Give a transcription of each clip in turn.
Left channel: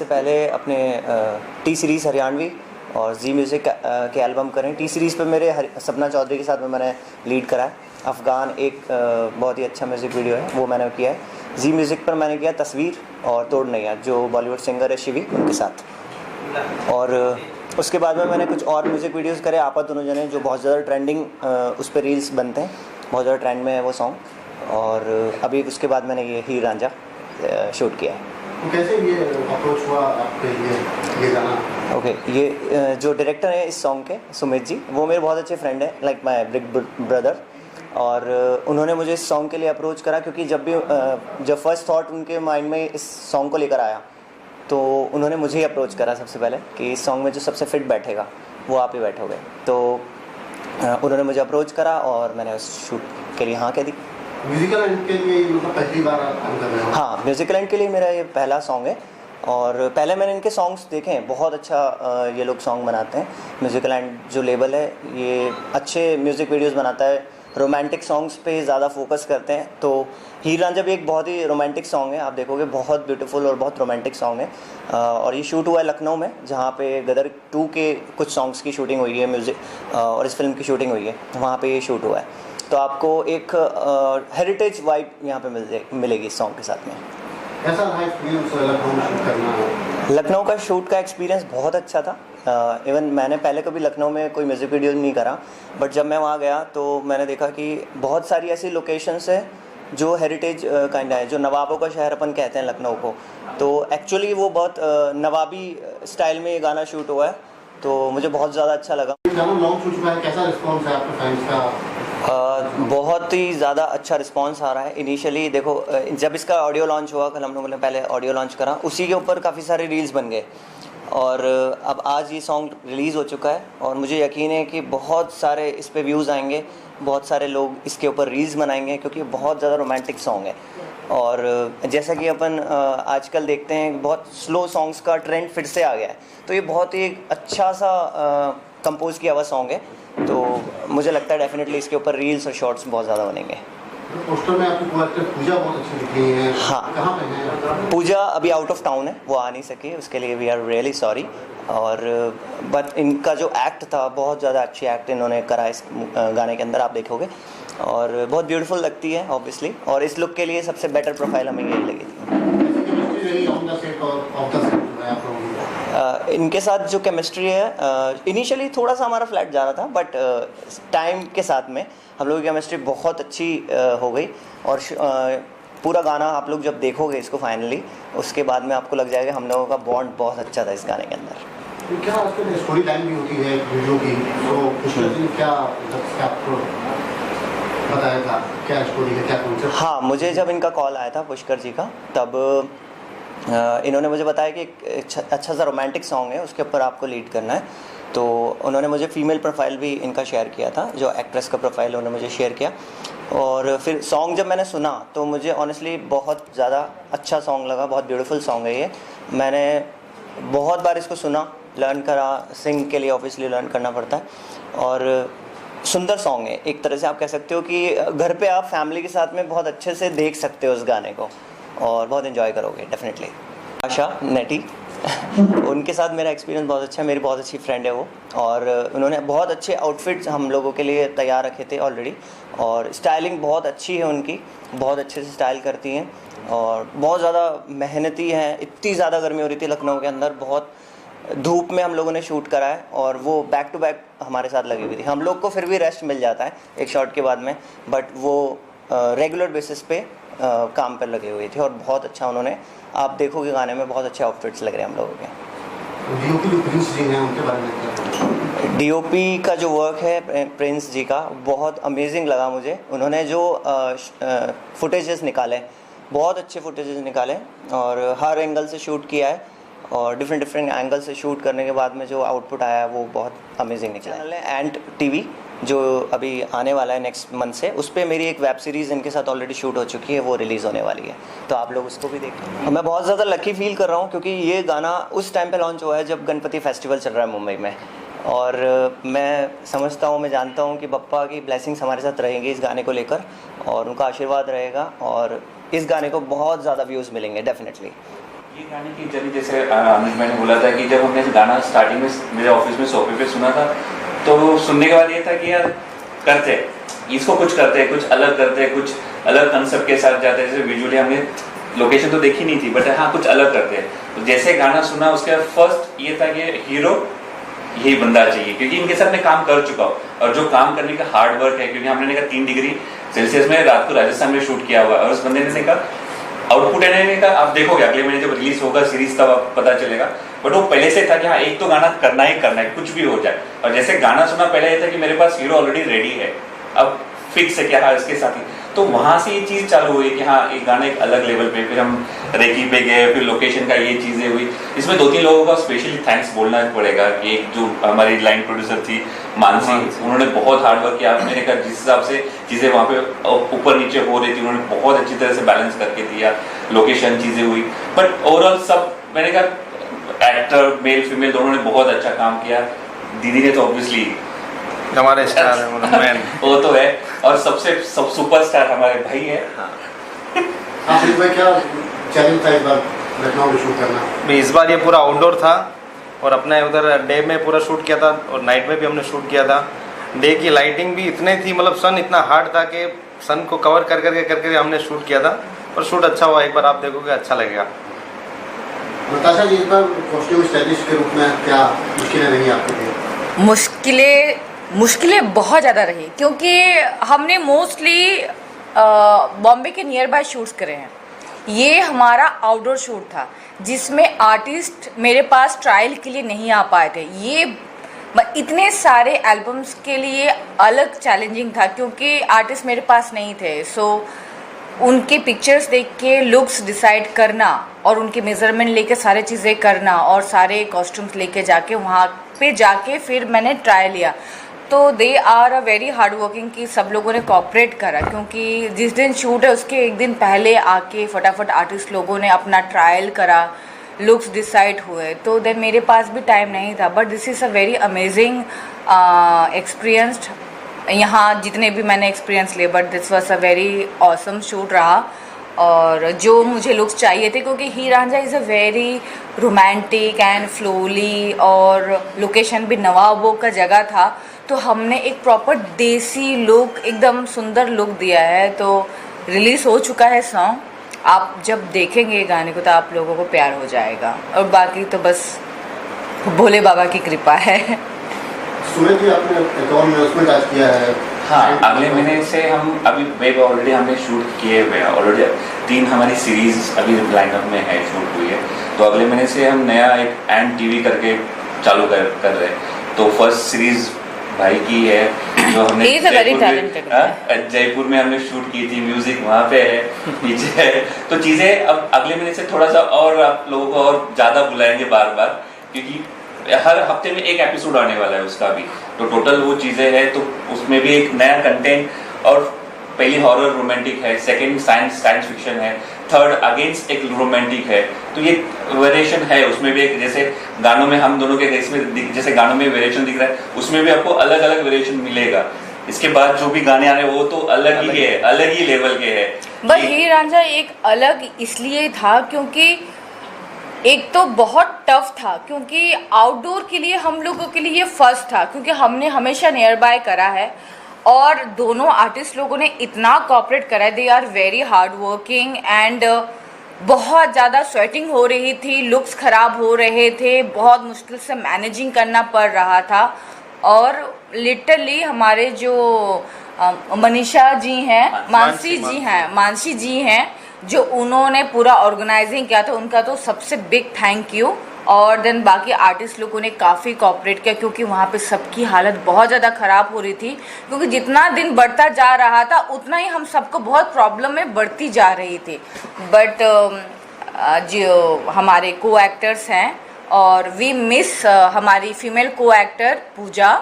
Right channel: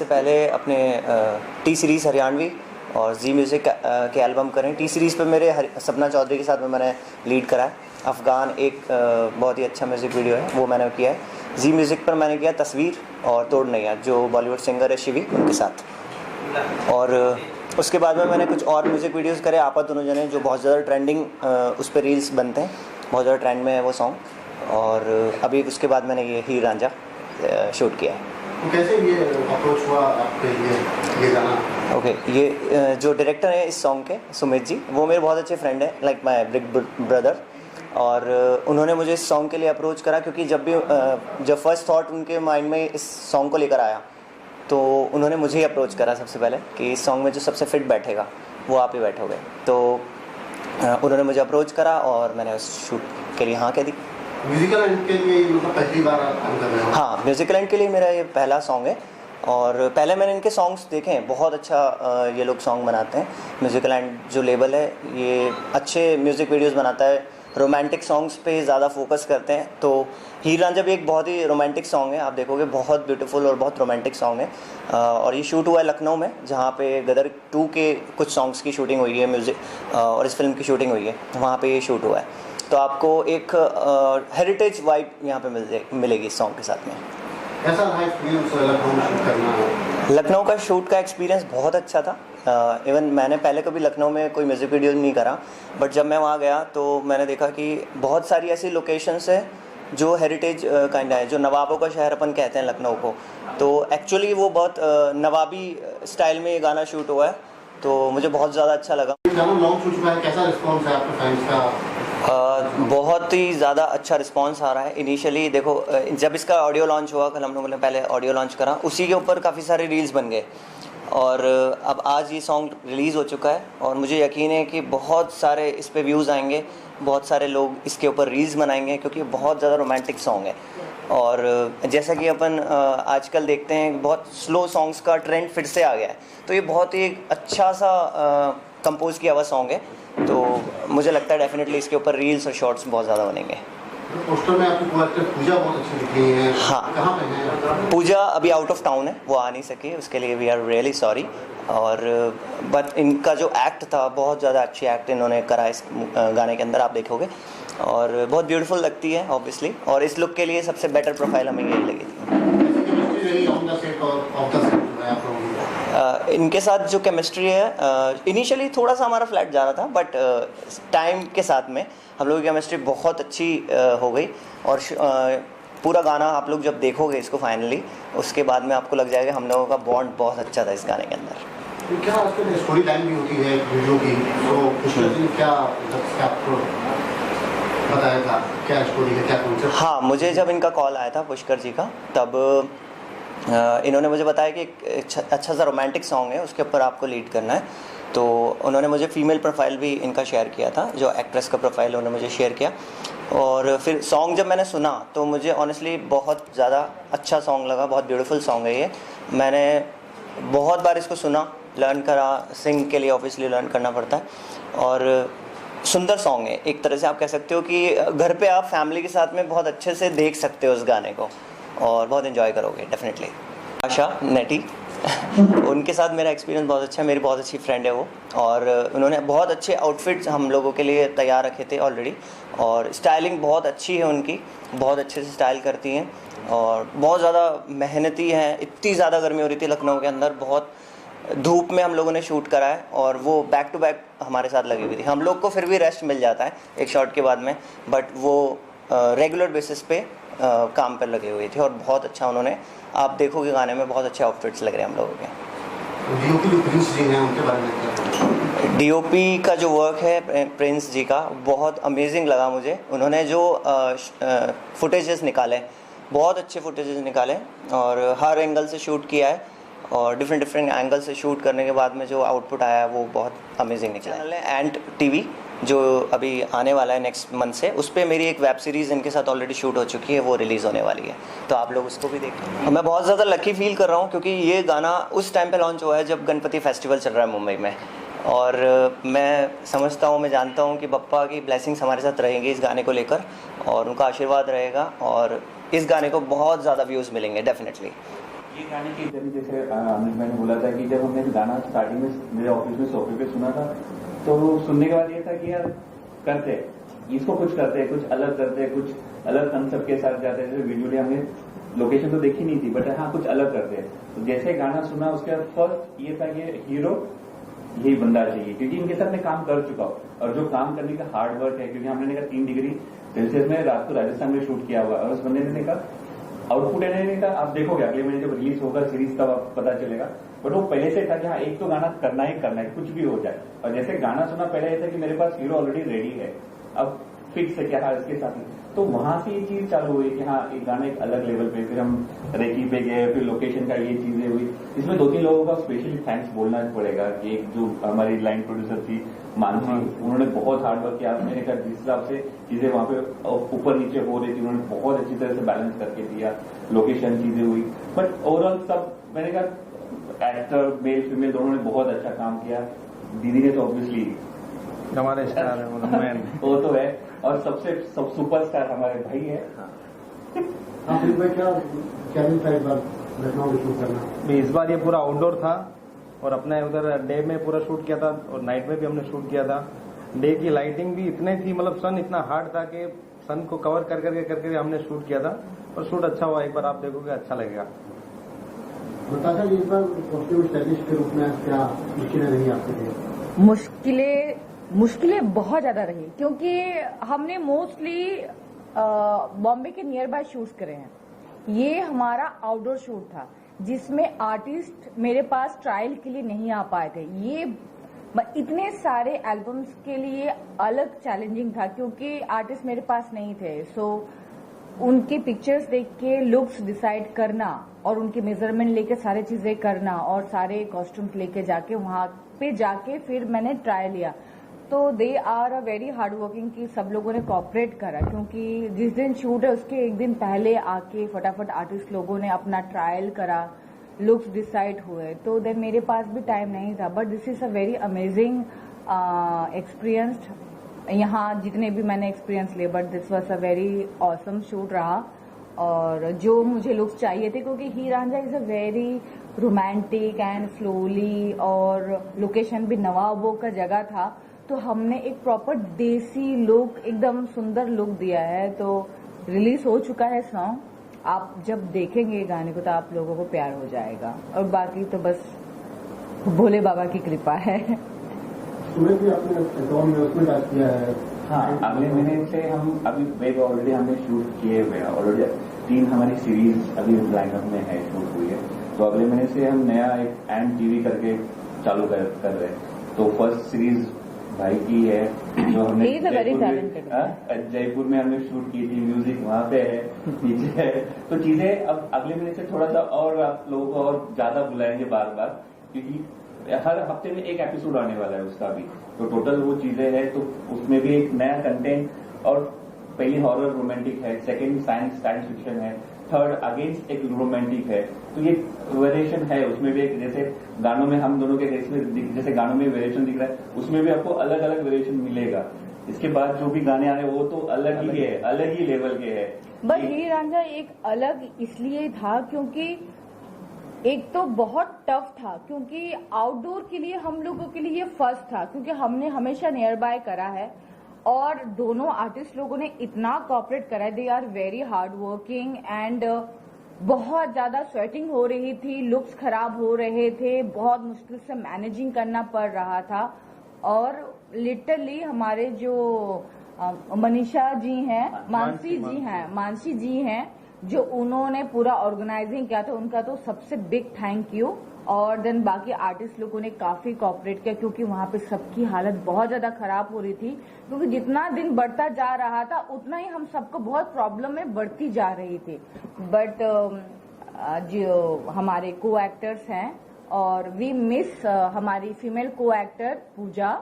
इससे पहले अपने टी सीरीज़ हरियाणवी और जी म्यूज़िक के एल्बम करें। टी सीरीज़ पे मेरे सपना चौधरी के साथ में मैंने लीड करा है। अफ़गान एक बहुत ही अच्छा म्यूज़िक वीडियो है, वो मैंने किया है। जी म्यूज़िक पर मैंने किया तस्वीर और तोड़ नैया, जो बॉलीवुड सिंगर है शिवी, उनके साथ। और उसके बाद में मैंने कुछ और म्यूज़िक वीडियोज़ करे, आपा दोनों जने, जो बहुत ज़्यादा ट्रेंडिंग उस पर रील्स बनते हैं, बहुत ज़्यादा ट्रेंड में है वो सॉन्ग। और अभी उसके बाद मैंने ये हीर रांझा शूट किया है। तो कैसे ये अप्रोच हुआ आपके लिए ये गाना? ओके, ये जो डायरेक्टर हैं इस सॉन्ग के, सुमित जी, वो मेरे बहुत अच्छे फ्रेंड हैं, लाइक माय बिग ब्रदर। और उन्होंने मुझे इस सॉन्ग के लिए अप्रोच करा, क्योंकि जब फर्स्ट थॉट उनके माइंड में इस सॉन्ग को लेकर आया तो उन्होंने मुझे ही अप्रोच करा सबसे पहले कि इस सॉन्ग में जो सबसे फिट बैठेगा वो आप ही बैठोगे। तो उन्होंने मुझे अप्रोच करा और मैंने उस शूट के लिए हाँ कह दी। म्यूजिकल एंड के लिए मतलब पहली बार आप काम कर रहे हो? हाँ, म्यूजिकल एंड के लिए मेरा ये पहला सॉन्ग है। और पहले मैंने इनके सॉन्ग्स देखे हैं, बहुत अच्छा ये लोग सॉन्ग बनाते हैं। म्यूजिकल एंड जो लेबल है ये अच्छे म्यूज़िक वीडियोस बनाता है, रोमांटिक सॉन्ग्स पे ज़्यादा फोकस करते हैं। तो हीर रांझा भी एक बहुत ही रोमांटिक सॉन्ग है, आप देखोगे बहुत ब्यूटीफुल और बहुत रोमांटिक सॉन्ग है। और ये शूट हुआ है लखनऊ में, जहाँ पे गदर 2 के कुछ सॉन्ग्स की शूटिंग हुई है, म्यूज़िक और इस फिल्म की शूटिंग हुई है, वहाँ पे ये शूट हुआ है। तो आपको एक हेरिटेज वाइब यहाँ पे मिलेगी इस सॉन्ग के साथ में। कैसा रहा एक्सपीरियंस लखनऊ में शूट करना? लखनऊ का शूट का एक्सपीरियंस बहुत अच्छा था। इवन मैंने पहले कभी लखनऊ में कोई म्यूज़िक वीडियो नहीं करा, बट जब मैं वहाँ गया तो मैंने देखा कि बहुत सारी ऐसी लोकेशंस है जो हेरिटेज काइंड है, जो नवाबों का शहर अपन कहते हैं लखनऊ को। तो एक्चुअली वो बहुत नवाबी स्टाइल में ये गाना शूट हुआ है, तो मुझे बहुत ज़्यादा अच्छा लगा। गाना लॉन्च हो चुका है, कैसा रिस्पॉन्स है आपके फैंस का? बहुत ही ज़्यादा अच्छा रिस्पांस आ रहा है। इनिशियली देखो, जब इसका ऑडियो लॉन्च हुआ, कल हम लोगों ने पहले ऑडियो लॉन्च करा, उसी के ऊपर काफ़ी सारे रील्स बन गए। और अब आज ये सॉन्ग रिलीज़ हो चुका है और मुझे यकीन है कि बहुत सारे इस पे व्यूज़ आएंगे, बहुत सारे लोग इसके ऊपर रील्स बनाएंगे, क्योंकि बहुत ज़्यादा रोमांटिक सॉन्ग है। और जैसा कि अपन आजकल देखते हैं, बहुत स्लो सॉन्ग्स का ट्रेंड फिर से आ गया है, तो ये बहुत ही अच्छा सा कंपोज किया हुआ सॉन्ग है। तो मुझे लगता है डेफिनेटली इसके ऊपर रील्स और शॉर्ट्स बहुत ज़्यादा बनेंगे। पोस्टर में आपकी पूजा बहुत अच्छी दिख रही है। हाँ, कहाँ पे है पूजा? अभी आउट ऑफ टाउन है, वो आ नहीं सकी, उसके लिए वी आर रियली सॉरी। और बट इनका जो एक्ट था, बहुत ज़्यादा अच्छी एक्ट इन्होंने करा इस गाने के अंदर, आप देखोगे, और बहुत ब्यूटीफुल लगती है ऑब्वियसली। और इस लुक के लिए सबसे बेटर प्रोफाइल हमें यही लगी थी। इनके साथ जो केमिस्ट्री है, इनिशियली थोड़ा सा हमारा फ्लैट जा रहा था, बट टाइम के साथ में हम लोगों की केमिस्ट्री बहुत अच्छी हो गई। और पूरा गाना आप लोग जब देखोगे इसको फाइनली, उसके बाद में आपको लग जाएगा हम लोगों का बॉन्ड बहुत अच्छा था इस गाने के अंदर। क्या आजकल स्टोरी टाइम भी होती है वीडियो की, तो पुष्कर जी क्या आपको बताया था, क्या स्टोरी है, क्या कॉन्सेप्ट? हाँ, मुझे जब इनका कॉल आया था पुष्कर जी का, तब इन्होंने मुझे बताया कि एक अच्छा सा रोमांटिक सॉन्ग है, उसके ऊपर आपको लीड करना है। तो उन्होंने मुझे फीमेल प्रोफाइल भी इनका शेयर किया था, जो एक्ट्रेस का प्रोफाइल उन्होंने मुझे शेयर किया। और फिर सॉन्ग जब मैंने सुना तो मुझे ऑनेस्टली बहुत ज़्यादा अच्छा सॉन्ग लगा, बहुत ब्यूटीफुल सॉन्ग है ये। मैंने बहुत बार इसको सुना, लर्न करा, सिंग के लिए ऑब्वियसली लर्न करना पड़ता है। और सुंदर सॉन्ग है, एक तरह से आप कह सकते हो कि घर पे आप फैमिली के साथ में बहुत अच्छे से देख सकते हो उस गाने को और बहुत एंजॉय करोगे डेफिनेटली। आशा नेटी उनके साथ मेरा एक्सपीरियंस बहुत अच्छा है, मेरी बहुत अच्छी फ्रेंड है वो। और उन्होंने बहुत अच्छे आउटफिट्स हम लोगों के लिए तैयार रखे थे ऑलरेडी। और स्टाइलिंग बहुत अच्छी है उनकी, बहुत अच्छे से स्टाइल करती हैं और बहुत ज़्यादा मेहनती हैं। इतनी ज़्यादा गर्मी हो रही थी लखनऊ के अंदर, बहुत धूप में हम लोगों ने शूट करा है और वो बैक टू बैक हमारे साथ लगी हुई थी। हम लोग को फिर भी रेस्ट मिल जाता है एक शॉट के बाद में, बट वो रेगुलर बेसिस पे काम पर लगे हुए थे और बहुत अच्छा उन्होंने, आप देखोगे गाने में बहुत अच्छे आउटफिट्स लग रहे हैं हम लोगों के। डीओपी का जो वर्क है प्रिंस जी का, बहुत अमेजिंग लगा मुझे। उन्होंने जो फुटेजेस निकाले, बहुत अच्छे फुटेजेस निकाले और हर एंगल से शूट किया है और डिफरेंट एंगल से शूट करने के बाद में जो आउटपुट आया वो बहुत अमेजिंग निकला है। एंड टीवी जो अभी आने वाला है नेक्स्ट मंथ से, उस पर मेरी एक वेब सीरीज़ इनके साथ ऑलरेडी शूट हो चुकी है, वो रिलीज़ होने वाली है, तो आप लोग उसको भी देखें। मैं बहुत ज़्यादा लकी फील कर रहा हूँ क्योंकि ये गाना उस टाइम पे लॉन्च हुआ है जब गणपति फेस्टिवल चल रहा है मुंबई में। और मैं समझता हूँ, मैं जानता हूँ कि बप्पा की ब्लेसिंग्स हमारे साथ रहेंगी इस गाने को लेकर और उनका आशीर्वाद रहेगा और इस गाने को बहुत ज़्यादा व्यूज़ मिलेंगे डेफिनेटली। ये गाने की जर्नी जैसे अमित मैंने बोला था कि जब हमने गाना स्टार्टिंग में मेरे ऑफिस में सोफे पे सुना था, तो सुनने के बाद ये था कि यार करते इसको, कुछ करते हैं, कुछ अलग करते हैं, कुछ अलग कंसेप्ट के साथ जाते हैं। जैसे विजुअली हमने लोकेशन तो देखी नहीं थी, बट हाँ कुछ अलग करते हैं। तो जैसे गाना सुना उसके बाद फर्स्ट ये था कि हीरो यही बंदा चाहिए, क्योंकि इनके साथ मैं काम कर चुका हूँ और जो काम करने का हार्ड वर्क है, क्योंकि हमने कहा 3 डिग्री सेल्सियस में रात को राजस्थान में शूट किया हुआ है, और उस बंदे ने कहा आउटपुट है का आप देखोगे अगले महीने जब रिलीज होगा सीरीज तब आप पता चलेगा। बट वो पहले से था कि हाँ एक तो गाना करना ही करना है, कुछ भी हो जाए। और जैसे गाना सुना पहले ये था कि मेरे पास हीरो ऑलरेडी रेडी है, अब फिक्स है कि हाँ इसके साथ ही। तो वहां से ये चीज चालू हुई कि हाँ एक गाना एक अलग लेवल पे, फिर हम रेकी पे गए, फिर लोकेशन का ये चीजें हुई। इसमें 2-3 लोगों का स्पेशली थैंक्स बोलना पड़ेगा कि एक जो हमारी लाइन प्रोड्यूसर थी मानसी, उन्होंने बहुत हार्ड वर्क किया। मैंने कहा जिस हिसाब से चीजें वहाँ पे ऊपर नीचे हो रही थी, उन्होंने बहुत अच्छी तरह से बैलेंस करके दिया। लोकेशन चीजें हुई, बट ओवरऑल सब मैंने कहा एक्टर मेल फीमेल दोनों ने बहुत अच्छा काम किया। दीदी ने तो ऑब्वियसली हमारे स्टार है, मतलब मैन वो तो है, और सबसे सुपरस्टार हमारे भाई है। आसिफ भाई क्या चैलेंज था इस बार लखनऊ में शूट करना? इस बार ये पूरा आउटडोर था और अपने उधर डे में पूरा शूट किया था और नाइट में भी हमने शूट किया था। डे की लाइटिंग भी इतनी थी, मतलब सन इतना हार्ड था कि सन को कवर कर करके हमने शूट किया था, और शूट अच्छा हुआ। एक बार आप देखोगे अच्छा लगेगा। नताशा जी, इस बार कॉस्ट्यूम स्टाइलिस्ट के रूप में क्या मुश्किलें रही आपके लिए? मुश्किलें बहुत ज़्यादा रही, क्योंकि हमने मोस्टली बॉम्बे के नियर बाय शूट्स करे हैं। ये हमारा आउटडोर शूट था जिसमें आर्टिस्ट मेरे पास ट्रायल के लिए नहीं आ पाए थे। ये इतने सारे एल्बम्स के लिए अलग चैलेंजिंग था, क्योंकि आर्टिस्ट मेरे पास नहीं थे। सो उनके पिक्चर्स देख के लुक्स डिसाइड करना और उनके मेज़रमेंट लेके सारे चीज़ें करना और सारे कॉस्ट्यूम्स लेके जाके वहाँ पे जाके फिर मैंने ट्राई लिया। तो they are a very hard working कि सब लोगों ने कॉपरेट करा, क्योंकि जिस दिन शूट है उसके एक दिन पहले आके फटाफट आर्टिस्ट लोगों ने अपना ट्रायल करा, लुक्स डिसाइड हुए। तो देन मेरे पास भी टाइम नहीं था, but this is a very amazing experienced. यहाँ जितने भी मैंने एक्सपीरियंस लिए, but this was a very awesome shoot रहा। और जो मुझे लुक्स चाहिए थे, क्योंकि Heer Ranjha is a very romantic and flowy, और लोकेशन भी नवाबों का जगह था, तो हमने एक प्रॉपर देसी लुक, एकदम सुंदर लुक दिया है। तो रिलीज़ हो चुका है सॉन्ग, आप जब देखेंगे गाने को तो आप लोगों को प्यार हो जाएगा। और बाकी तो बस भोले बाबा की कृपा है। सुमित जी, आपने अकाउंट में आज किया है? हाँ, अगले महीने से हम अभी वेब ऑलरेडी हमने शूट किए हुए हैं। ऑलरेडी 3 हमारी सीरीज अभी लाइनअप में है, शूट हुई है। तो अगले महीने से हम नया एक एंड टीवी करके चालू कर रहे हैं। तो फर्स्ट सीरीज भाई की है, जो हमने जयपुर में हमने शूट की थी। म्यूजिक वहाँ पे है, पीछे है। तो चीज़ें अब अगले महीने से थोड़ा सा और आप लोगों को और ज़्यादा बुलाएंगे बार बार, क्योंकि हर हफ्ते में एक एपिसोड आने वाला है उसका भी। तो टोटल वो चीज़ें हैं, तो उसमें भी एक नया कंटेंट। और पहली हॉरर रोमांटिक है, सेकंड साइंस फिक्शन है, थर्ड अगेंस्ट एक रोमांटिक है। तो ये वेरिएशन है उसमें भी। एक जैसे गानों में हम दोनों के इसमें जैसे गानों में वेरिएशन दिख रहा है, उसमें भी आपको अलग अलग वेरिएशन मिलेगा। इसके बाद जो भी गाने आ रहे हैं वो तो अलग ही है, अलग ही लेवल के है। बट हीर रांझा एक अलग इसलिए था क्योंकि एक तो बहुत टफ था, क्योंकि आउटडोर के लिए हम लोगों के लिए ये फर्स्ट था, क्योंकि हमने हमेशा नियर बाय करा है और दोनों आर्टिस्ट लोगों ने इतना कोऑपरेट करा है। They are very hard working and बहुत ज़्यादा स्वेटिंग हो रही थी, लुक्स ख़राब हो रहे थे, बहुत मुश्किल से मैनेजिंग करना पड़ रहा था। और लिटरली हमारे जो मनीषा जी हैं, मानसी जी हैं, जो उन्होंने पूरा ऑर्गेनाइजिंग किया था, उनका तो सबसे बिग थैंक यू। और देन बाकी आर्टिस्ट लोगों ने काफ़ी कोऑपरेट किया, क्योंकि वहाँ पे सबकी हालत बहुत ज़्यादा ख़राब हो रही थी, क्योंकि जितना दिन बढ़ता जा रहा था उतना ही हम सबको बहुत प्रॉब्लम में बढ़ती जा रही थी। बट जो हमारे को एक्टर्स हैं, और वी मिस हमारी फीमेल को एक्टर पूजा,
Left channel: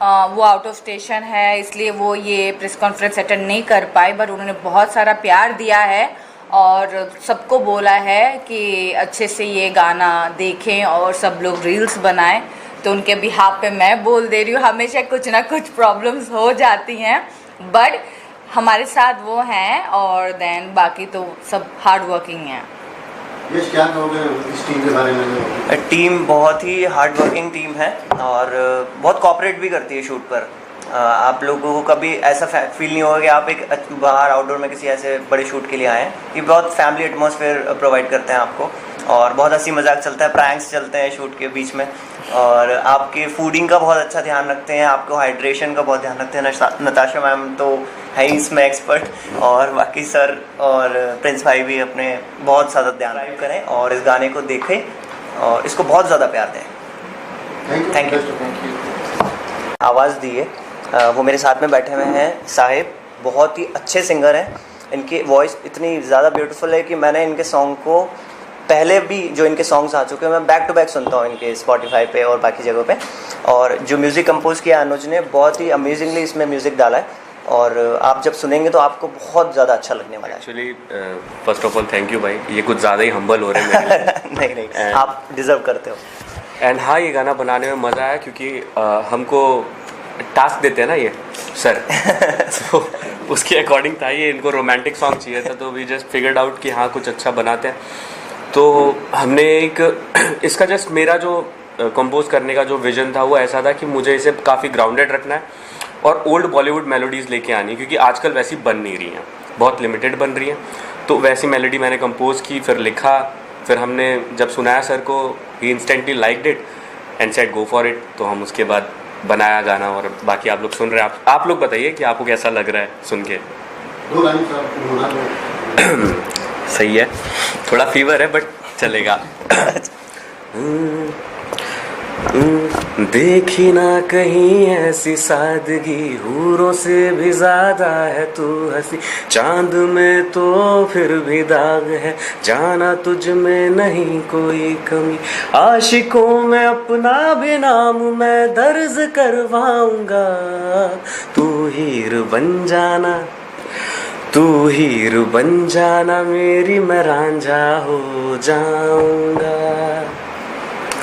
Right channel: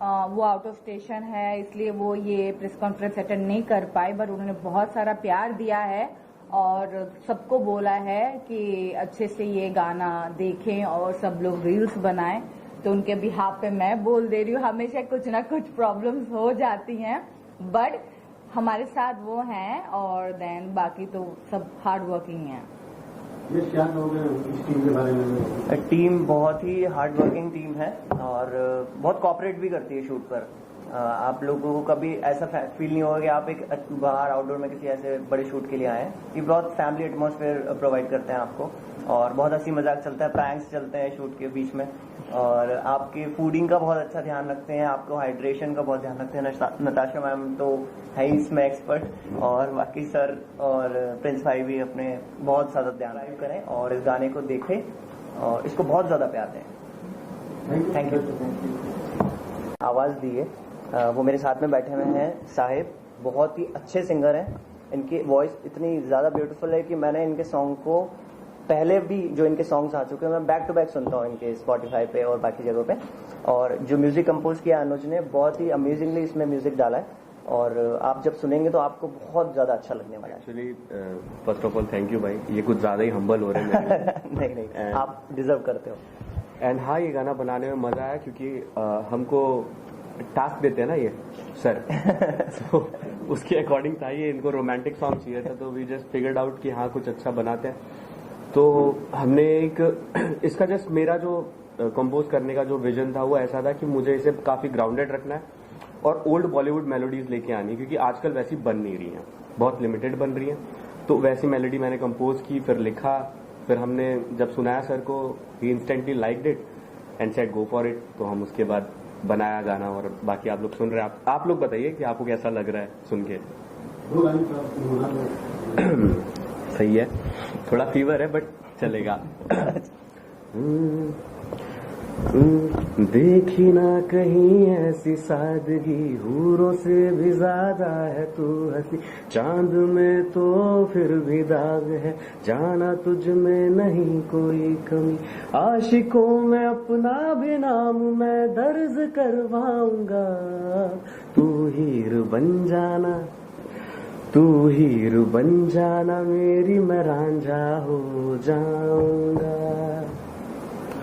वो आउट ऑफ स्टेशन है, इसलिए वो ये प्रेस कॉन्फ्रेंस अटेंड नहीं कर पाई। बट उन्होंने बहुत सारा प्यार दिया है और सबको बोला है कि अच्छे से ये गाना देखें और सब लोग रील्स बनाएं। तो उनके बिहाफ पे मैं बोल दे रही हूँ, हमेशा कुछ ना कुछ प्रॉब्लम्स हो जाती हैं, बट हमारे साथ वो हैं। और देन बाकी तो सब हार्ड वर्किंग हैं। यश क्या कहोगे इस टीम के बारे में? टीम बहुत ही हार्ड वर्किंग टीम है और बहुत कॉपरेट भी करती है शूट पर। आप लोगों को कभी ऐसा फील नहीं होगा कि आप एक बाहर आउटडोर में किसी ऐसे बड़े शूट के लिए आए हैं। ये बहुत फैमिली एटमॉस्फेयर प्रोवाइड करते हैं आपको और बहुत हंसी मजाक चलता है, प्रैंक्स चलते हैं शूट के बीच में और आपके फूडिंग का बहुत अच्छा ध्यान रखते हैं, आपको हाइड्रेशन का बहुत ध्यान रखते हैं। नताशा मैम तो है ही इसमें एक्सपर्ट और बाकी सर और प्रिंस भाई भी अपने बहुत ज़्यादा ध्यान करें और इस गाने को देखें और इसको बहुत ज़्यादा प्यार दें। Thank you. आवाज़ दिए वो मेरे साथ में बैठे हुए हैं साहिब, बहुत ही अच्छे सिंगर हैं। इनकी वॉइस इतनी ज़्यादा ब्यूटीफुल है कि मैंने इनके सॉन्ग को पहले भी जो इनके सॉन्ग्स आ चुके हैं मैं बैक टू बैक सुनता हूँ इनके स्पॉटिफाई पे और बाकी जगहों पे। और जो म्यूज़िक कंपोज किया अनुज ने बहुत ही अमेजिंगली इसमें म्यूज़िक डाला है और आप जब सुनेंगे तो आपको बहुत ज़्यादा अच्छा लगने वाला है। Actually first of all thank you भाई, ये कुछ ज़्यादा ही हम्बल हो रहे हैं मेरे लिए। नहीं आप डिज़र्व करते हो। एंड हाँ, ये गाना बनाने में मज़ा आया क्योंकि हमको टास्क देते हैं ना ये सर तो उसके अकॉर्डिंग था ये, इनको रोमांटिक सॉन्ग चाहिए था तो वी जस्ट फिगर्ड आउट कि हाँ कुछ अच्छा बनाते हैं। तो हमने एक इसका जस्ट मेरा जो कंपोज करने का जो विजन था वो ऐसा था कि मुझे इसे काफ़ी ग्राउंडेड रखना है और ओल्ड बॉलीवुड मेलोडीज़ लेके आनी, क्योंकि आजकल वैसी बन नहीं रही हैं, बहुत लिमिटेड बन रही हैं। तो वैसी मेलोडी मैंने कंपोज की, फिर लिखा, फिर हमने जब सुनाया सर को ही instantly liked it and said go for it. तो हम उसके बाद बनाया गाना और बाकी आप लोग सुन रहे हैं। आप लोग बताइए कि आपको कैसा लग रहा है सुन के? सही है, थोड़ा फीवर है बट चलेगा। देखी ना कहीं ऐसी सादगी, हूरों से भी ज्यादा है तू हंसी, चांद में तो फिर भी दाग है, जाना तुझ में नहीं कोई कमी, आशिकों में अपना भी नाम मैं दर्ज करवाऊंगा, तू हीर बन जाना, तू हीर बन जाना मेरी, मैं रांझा हो जाऊंगा।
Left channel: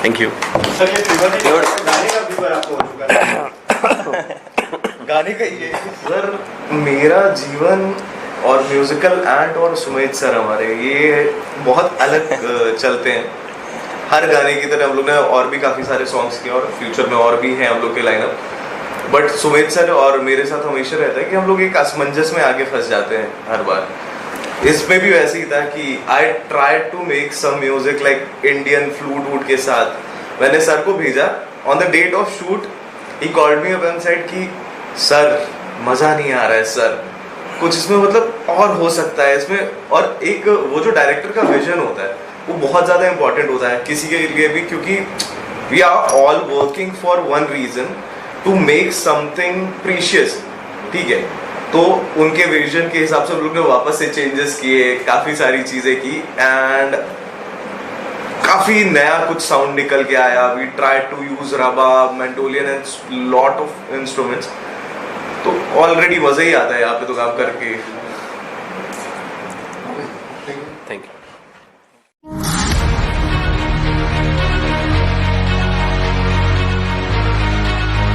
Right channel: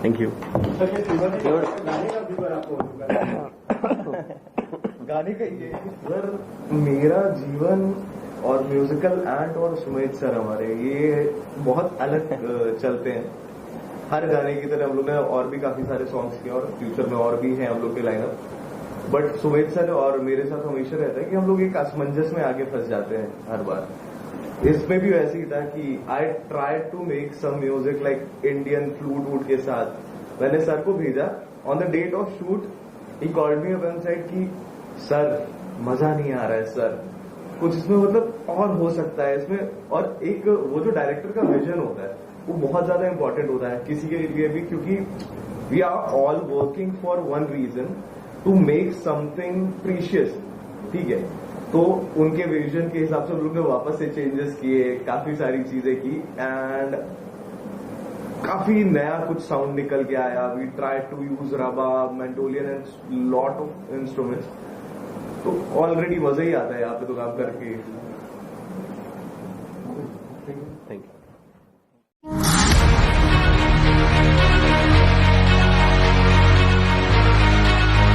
Thank you. सर ये गाने का फीवर आपको हो चुका है गाने का ये सर, मेरा जीवन और म्यूजिकल एंड और सुमित सर हमारे ये बहुत अलग चलते हैं। हर गाने की तरह हम लोग ने और भी काफ़ी सारे सॉन्ग्स किए और फ्यूचर में और भी हैं हम लोग के लाइनअप, बट सुमित सर और मेरे साथ हमेशा रहता है कि हम लोग एक असमंजस में आगे फंस जाते हैं हर बार। इसमें भी वैसे ही था कि I try to make some music like Indian flute वूट के साथ। मैंने सर को भेजा on the date of shoot, he called me up and said कि सर मज़ा नहीं आ रहा है सर, कुछ इसमें मतलब और हो सकता है इसमें। और एक वो जो डायरेक्टर का विजन होता है वो बहुत ज़्यादा इंपॉर्टेंट होता है किसी के लिए भी, क्योंकि we are all working for one reason, to make something precious, ठीक है। तो उनके विजन के हिसाब से हम लोग ने वापस से चेंजेस किए, काफ़ी सारी चीज़ें की एंड काफ़ी नया कुछ साउंड निकल के आया। We try to use rava, मेंटोलियन and lot of instruments. तो ऑलरेडी मज़ा ही आता है यहाँ पे तो काम करके। Thank you.